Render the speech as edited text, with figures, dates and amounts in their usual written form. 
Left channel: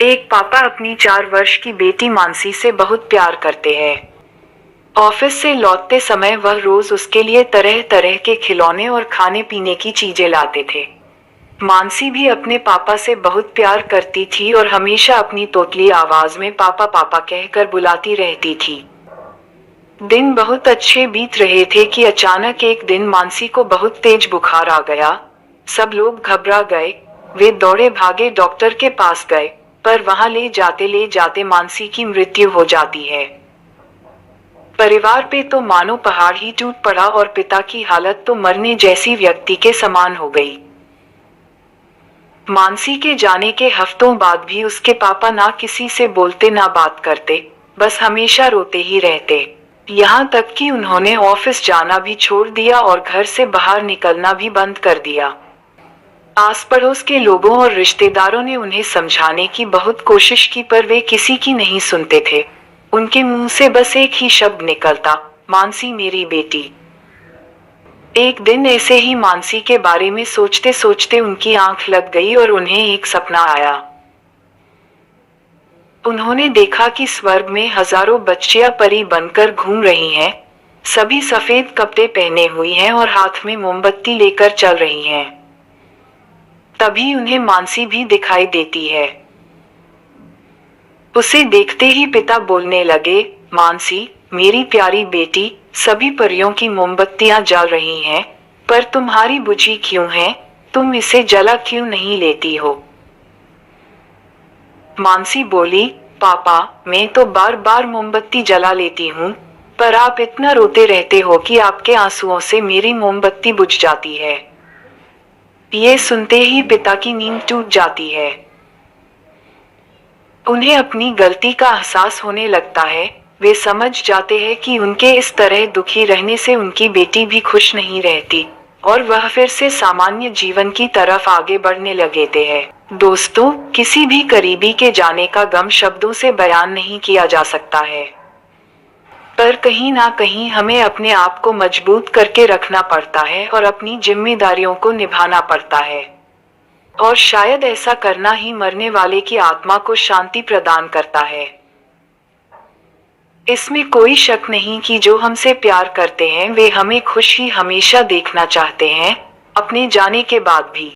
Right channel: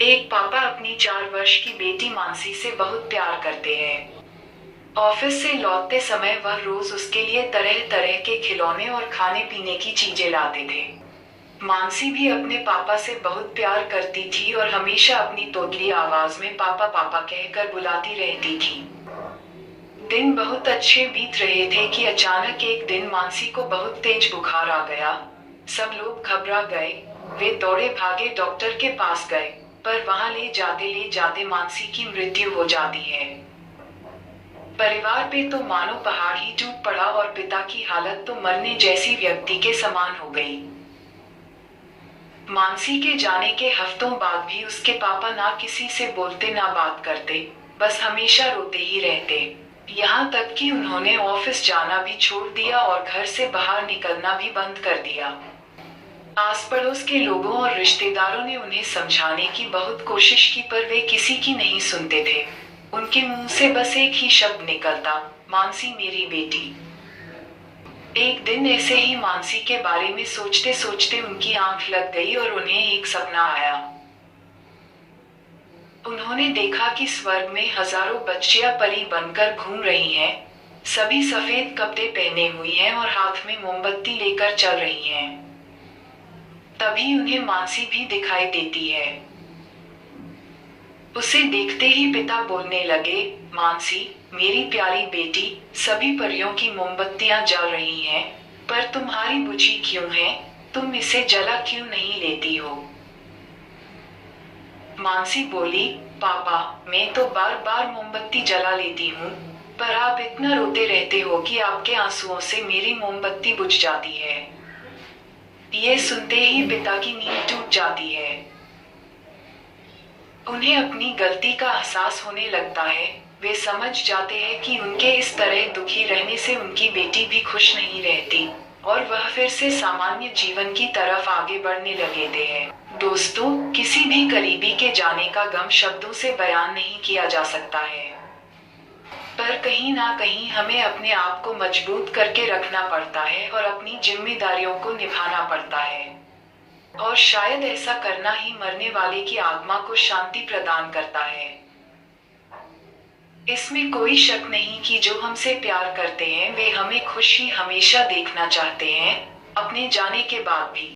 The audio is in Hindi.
एक पापा अपनी 4 वर्ष की बेटी मानसी से बहुत प्यार करते हैं। ऑफिस से लौटते समय वह रोज उसके लिए तरह तरह के खिलौने और खाने पीने की चीजें लाते थे। मानसी भी अपने पापा से बहुत प्यार करती थी और हमेशा अपनी तोतली आवाज में पापा पापा कहकर बुलाती रहती थी। दिन बहुत अच्छे बीत रहे थे कि अचानक एक दिन मानसी को बहुत तेज बुखार आ गया। सब लोग घबरा गए। वे दौड़े भागे डॉक्टर के पास गए, पर वहां ले जाते मानसी की मृत्यु हो जाती है। परिवार पे तो मानो पहाड़ ही टूट पड़ा और पिता की हालत तो मरने जैसी व्यक्ति के समान हो गई। मानसी के जाने के हफ्तों बाद भी उसके पापा ना किसी से बोलते ना बात करते, बस हमेशा रोते ही रहते। यहाँ तक कि उन्होंने ऑफिस जाना भी छोड़ दिया और घर से बाहर निकलना भी बंद कर दिया। आस पड़ोस के लोगों और रिश्तेदारों ने उन्हें समझाने की बहुत कोशिश की, पर वे किसी की नहीं सुनते थे। उनके मुंह से बस एक ही शब्द निकलता, मानसी मेरी बेटी। एक दिन ऐसे ही मानसी के बारे में सोचते सोचते उनकी आंख लग गई और उन्हें एक सपना आया। उन्होंने देखा कि स्वर्ग में हजारों बच्चियां परी बनकर घूम रही हैं। सभी सफेद कपड़े पहने हुई हैं और हाथ में मोमबत्ती लेकर चल रही हैं। तभी उन्हें मानसी भी दिखाई देती है। उसे देखते ही पिता बोलने लगे, मानसी मेरी प्यारी बेटी, सभी परियों की मोमबत्तियां जल रही हैं, पर तुम्हारी बुझी क्यों है? तुम इसे जला क्यों नहीं लेती हो? मानसी बोली, पापा मैं तो बार बार मोमबत्ती जला लेती हूँ, पर आप इतना रोते रहते हो कि आपके आंसुओं से मेरी मोमबत्ती बुझ जाती है। ये सुनते ही पिता की नींद टूट जाती है। उन्हें अपनी गलती का एहसास होने लगता है। वे समझ जाते हैं कि उनके इस तरह दुखी रहने से उनकी बेटी भी खुश नहीं रहती और वह फिर से सामान्य जीवन की तरफ आगे बढ़ने लगे हैं। दोस्तों, किसी भी करीबी के जाने का गम शब्दों से बयान नहीं किया जा सकता है, पर कहीं ना कहीं हमें अपने आप को मजबूत करके रखना पड़ता है और अपनी जिम्मेदारियों को निभाना पड़ता है। और शायद ऐसा करना ही मरने वाले की आत्मा को शांति प्रदान करता है। इसमें कोई शक नहीं कि जो हमसे प्यार करते हैं वे हमें खुश ही हमेशा देखना चाहते हैं, अपने जाने के बाद भी।